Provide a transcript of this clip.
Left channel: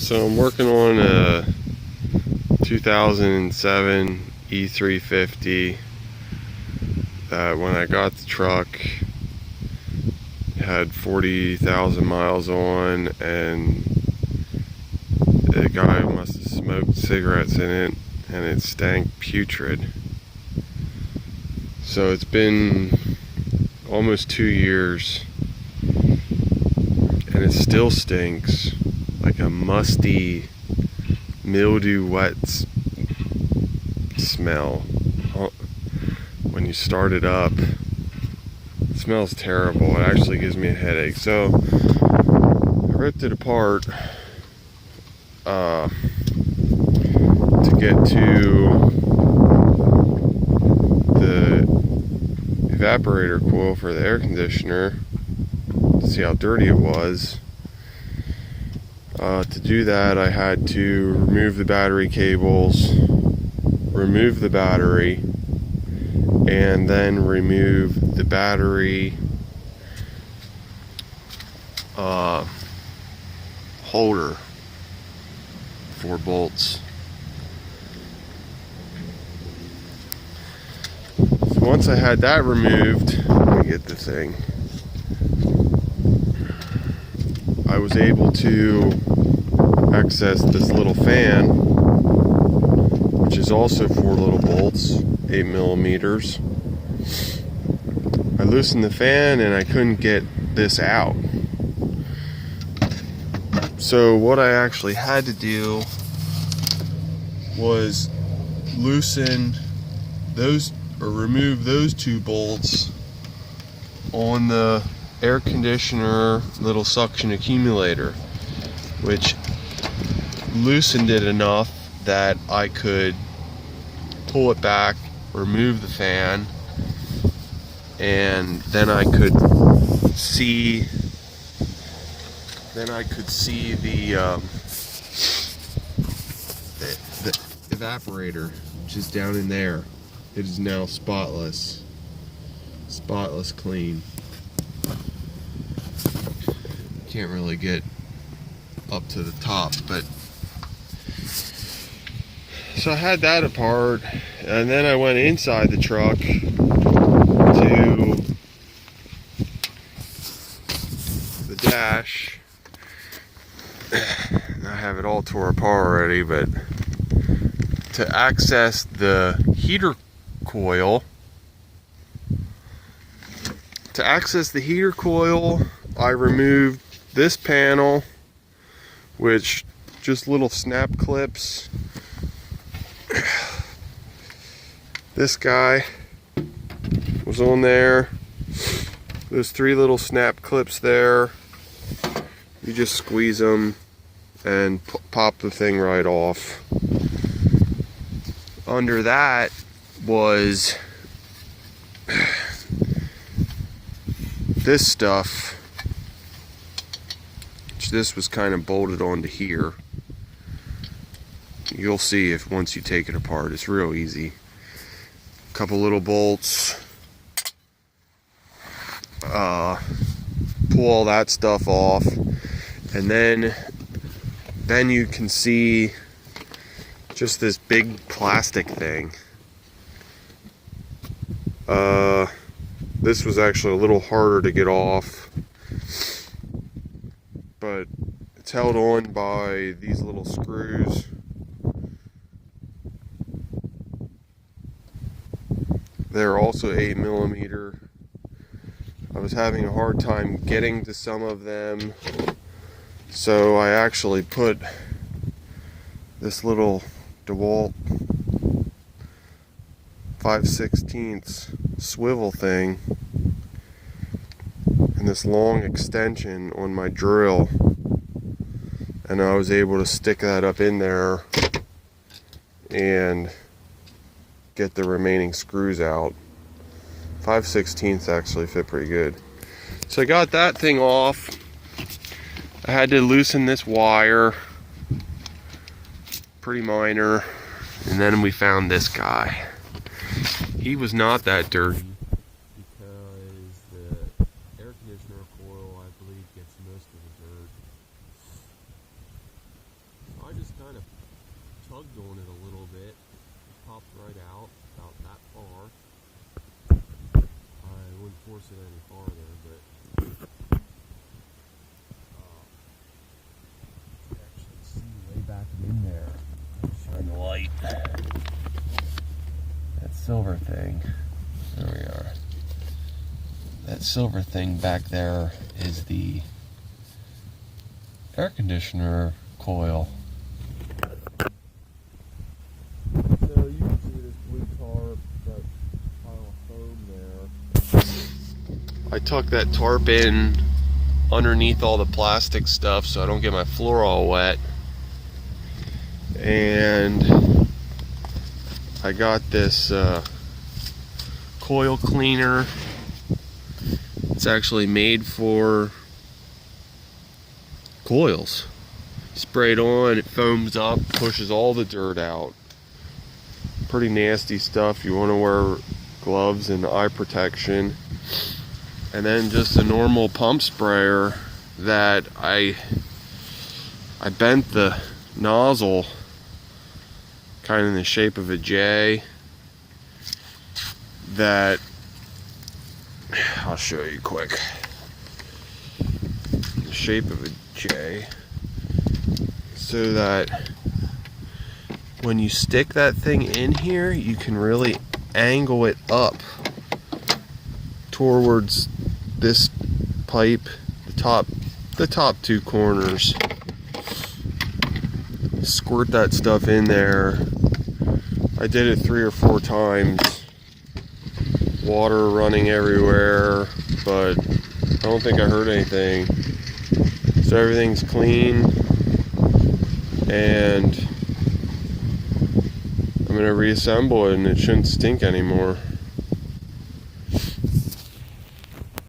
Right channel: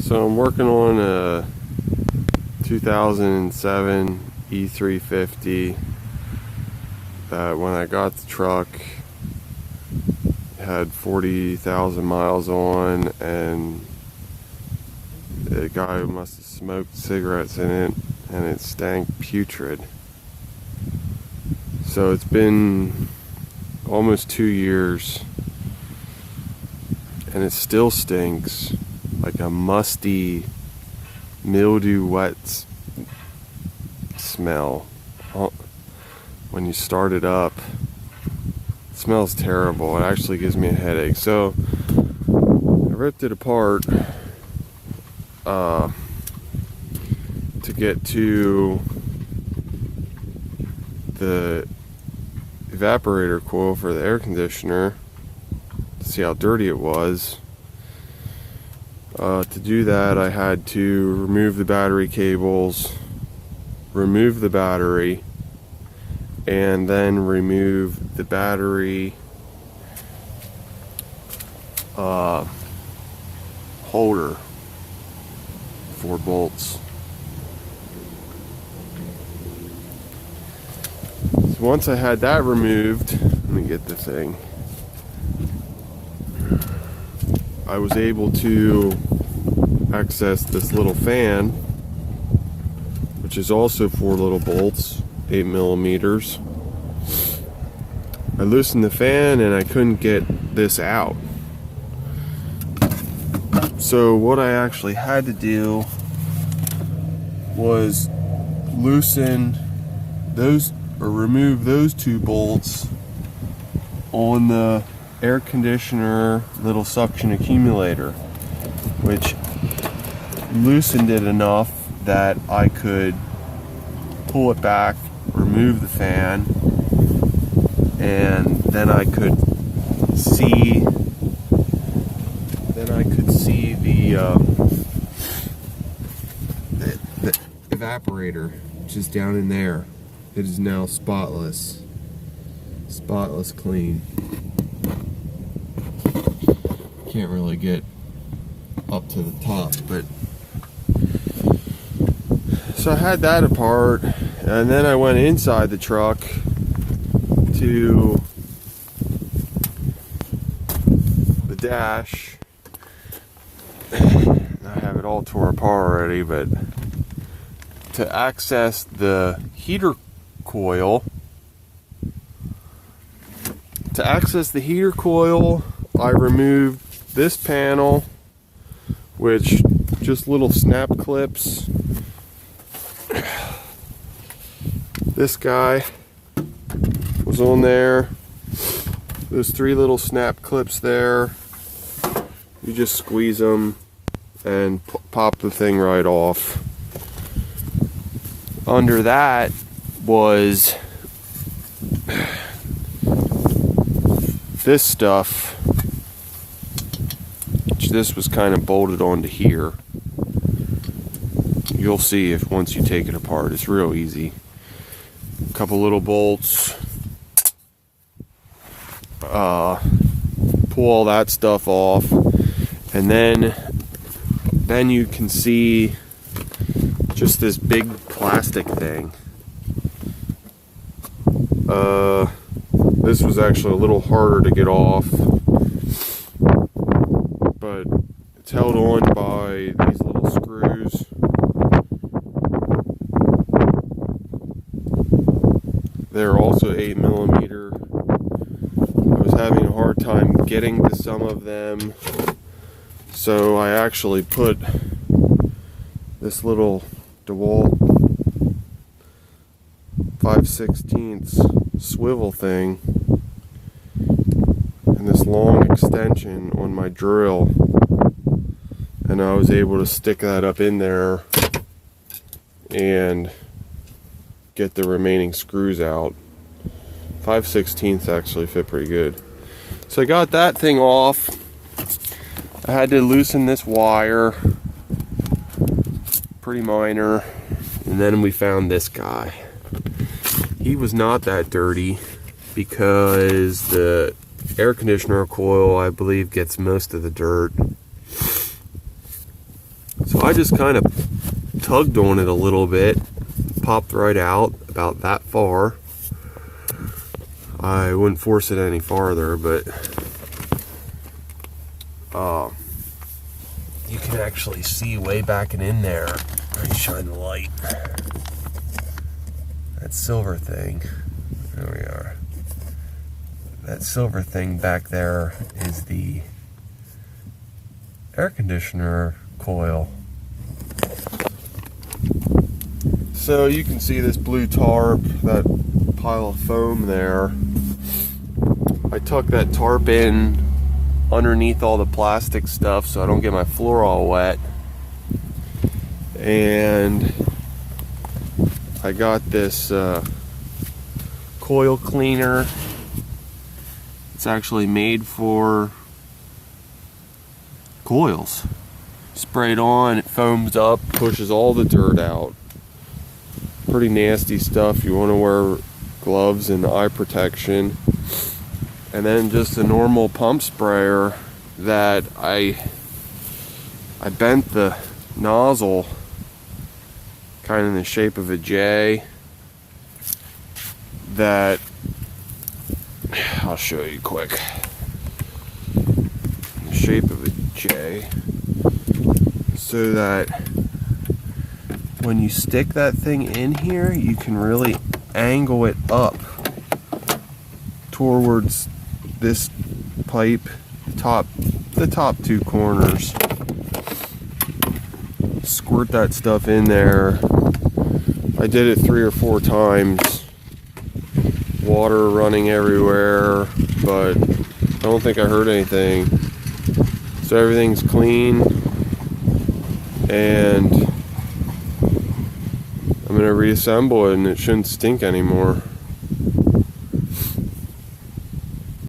So I'm working on a 2007 e350 that when I got the truck had 40,000 miles on, and the guy must have smoked cigarettes in it and it stank putrid. So it's been almost 2 years and it still stinks like a musty, mildew wet smell. When you start it up, it smells terrible. It actually gives me a headache. So I ripped it apart to get to the evaporator coil for the air conditioner to see how dirty it was. To do that, I had to remove the battery cables, remove the battery, and then remove the battery holder for bolts. So once I had that removed, let me get the thing, I was able to access this little fan, which is also 4 little bolts, 8 millimeters. I loosened the fan and I couldn't get this out. So what I actually had to do was loosen those, or remove those 2 bolts on the air conditioner little suction accumulator, which loosened it enough that I could pull it back, remove the fan, and then I could see the evaporator, which is down in there. It is now spotless clean. Can't really get up to the top, but so I had that apart, and then I went inside the truck to the dash. I have it all tore apart already, but to access the heater coil, I removed this panel, which just little snap clips. This guy was on there. There's 3 little snap clips there. You just squeeze them and pop the thing right off. Under that was this stuff. This was kind of bolted onto here. You'll see if once you take it apart, it's real easy. A couple little bolts. Pull all that stuff off, and then you can see just this big plastic thing. This was actually a little harder to get off, but it's held on by these little screws. They're also 8 millimeter. I was having a hard time getting to some of them, so I actually put this little DeWalt 5/16 swivel thing and this long extension on my drill, and I was able to stick that up in there and get the remaining screws out. 5/16 actually fit pretty good. So I got that thing off. I had to loosen this wire, pretty minor, and then we found this guy. He was not that dirty because the air conditioner coil, I believe, gets most of the dirt. So I just kind of tugged on it a little bit, popped right out about that far. I wouldn't force it any farther, but you can actually see way back and in there. Let me shine the light. That silver thing. There we are. That silver thing back there is the air conditioner coil. So you can see this blue tarp, that pile of foam there. I tuck that tarp in underneath all the plastic stuff so I don't get my floor all wet. And I got this coil cleaner. It's actually made for coils. Spray it on, it foams up, pushes all the dirt out. Pretty nasty stuff. You want to wear gloves and eye protection. And then just a normal pump sprayer that I bent the nozzle kind of in the shape of a J. That I'll show you quick. The shape of a J, so that when you stick that thing in here, you can really angle it up towards this pipe, the top two corners. Squirt that stuff in there. I did it 3 or 4 times. Water running everywhere, but I don't think I heard anything. So everything's clean, and I'm gonna reassemble it, and it shouldn't stink anymore.